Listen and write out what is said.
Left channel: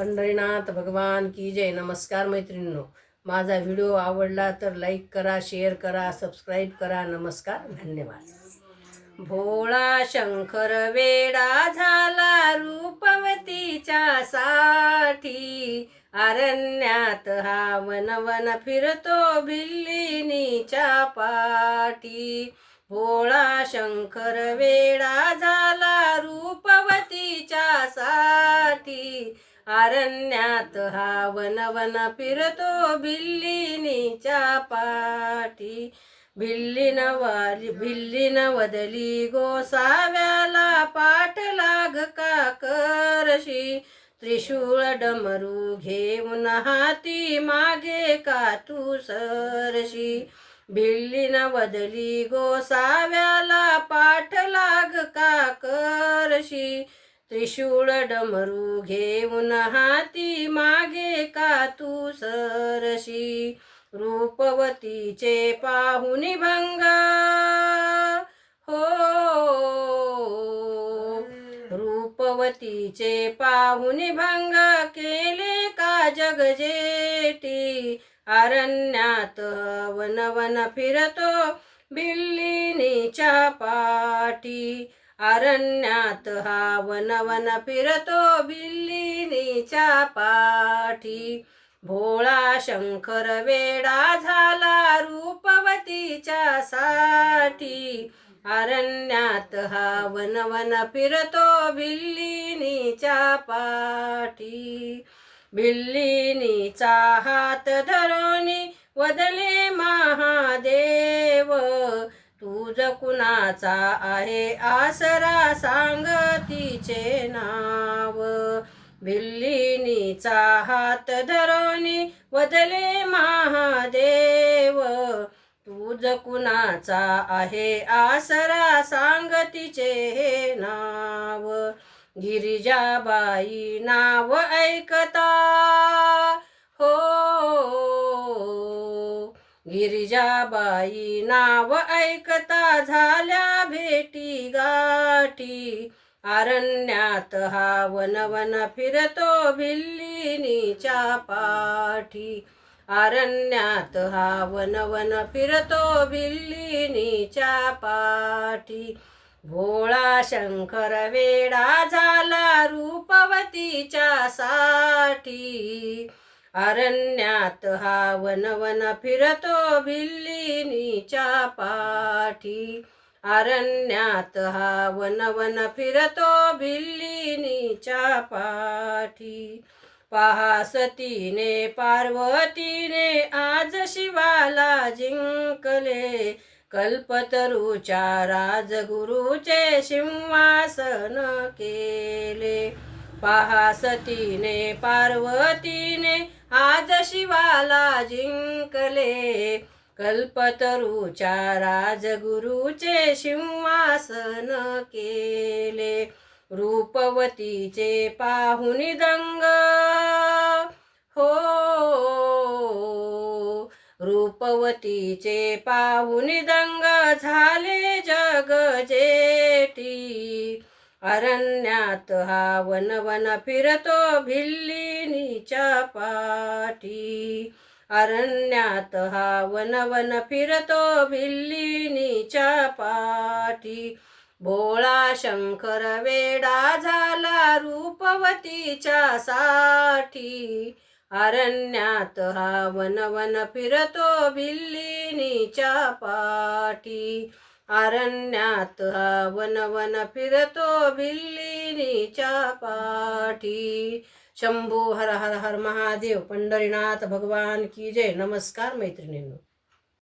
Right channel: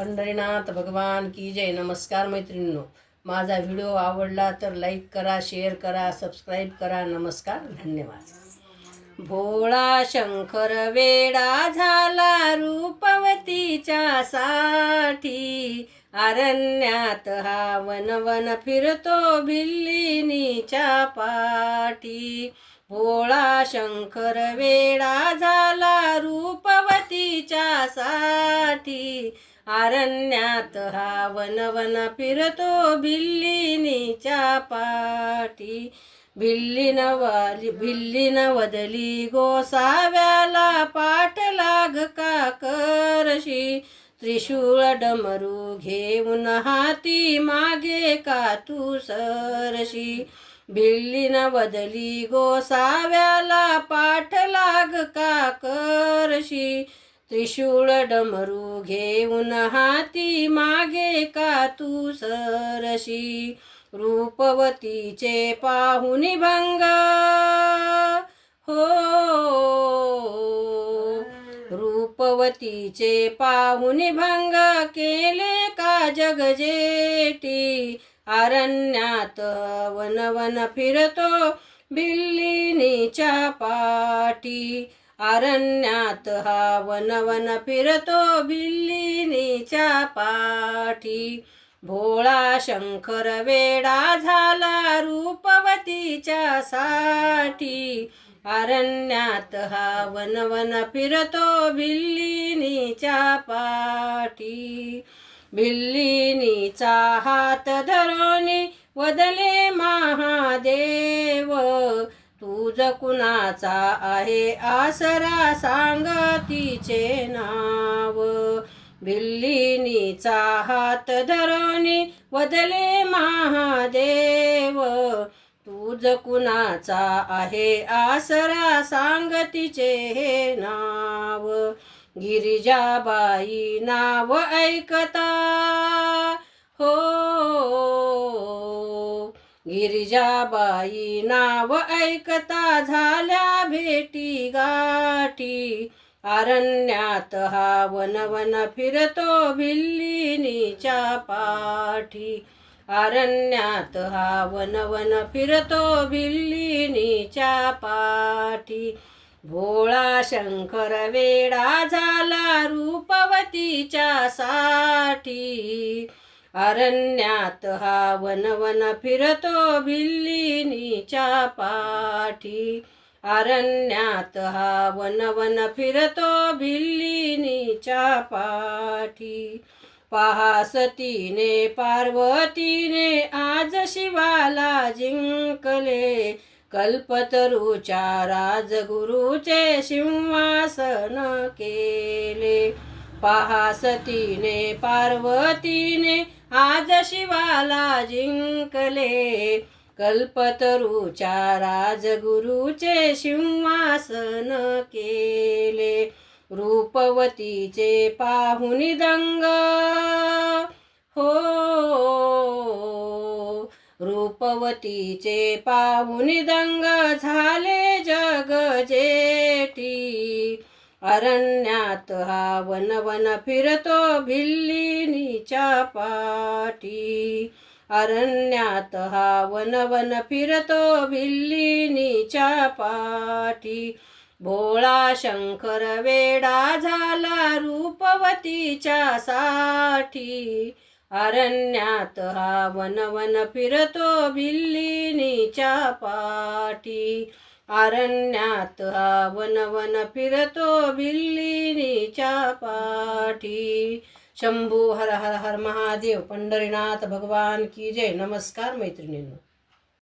पंढरीनाथ भगवान की जय. नमस्कार मैत्रिणींनो, माझा व्हिडिओ आवडला तर लाईक करा, शेअर करा, सबस्क्राईब करा. नमस्कार, धन्यवाद. भोळा शंकर वेडा झाला रूपवतीच्या साठी, अरण्यात हा वन फिरतो भिल्लिनीच्या पाठी. भोळा शंकर वेडा झाला रूपवतीच्या साठी, अरण्यात हा वन फिरतो भिल्लिनीच्या पाठी. भिल्लीन वदली गोसाव्याला, पाठलाग का करशी, त्रिशूळ डमरू घेऊन हाती मागे का तू सरशी. भिल्लीन वदली गोसाव्याला, पाठलाग का करशी, त्रिशूळ डमरू घेऊन हाती मागे का तू सरशी. रूपवतीचे पाहुनी भंग हो, रूपवतीचे पाहुनी भंग केले का जगजेटी, अरण्यात वन फिरतो भिल्लिनीच्या पाठी. अरण्यात हा वन फिरतो भिल्लिनीच्या पाठी. भोळा शंकर वेडा झाला रूपवतीच्या साठी, अरण्यात हा वन फिरतो भिल्लिनीच्या पाठी. भिल्लिनीचा हात धरोनी वदले महादेव, तुझ कुणाचा आहे आसरा, सांग तिचे नाव. भिल्लिनीचा हात धरोनी वदले महादेव, तुझ कुणाचा आहे आसरा, सांग तिचे हे नाव. गिरिजाबाई नाव ऐकता हो, गिरिजाबाई नाव ऐकता झाल्या भेटी गाठी, अरण्यात हा वन फिरतो भिल्लिनीच्या पाठी. अरण्यात हा वन फिरतो भिल्लिनीच्या पाठी. भोळा शंकर वेडा झाला रूपवतीच्या साठी, अरण्यात हा वन फिरतो भिल्लिनीच्या पाठी. अरण्यात हा वन फिरतो भिल्लिनीच्या पाठी. पहा सतीने पार्वतीने आज शिवाला जिंकले, कल्पतरूच्या राजगुरूचे सिंहासन केले. पहा सतीने पार्वतीने आज शिवाला जिंकले, कल्पतरूच्या राजगुरूचे सिंहासन केले. रूपवतीचे पाहुनी दंग हो, रूपवतीचे पाहुनी दंग झाले जगजेटी, अरण्यात हा वन फिरतो भिल्लिनीच्या पाठी. अरण्यात हा वन फिरतो भिल्लिनीच्या पाठी. भोळा शंकर वेडा झाला रूपवतीच्या साठी, अरण्यात हा वन फिरतो भिल्लिनीच्या पाठी. अरण्यात हा वन फिरतो भिल्लिनीच्या पाठी. शंभू हर हर हर महादेव. पंढरीनाथ भगवान की जय. नमस्कार मैत्रिणींनो.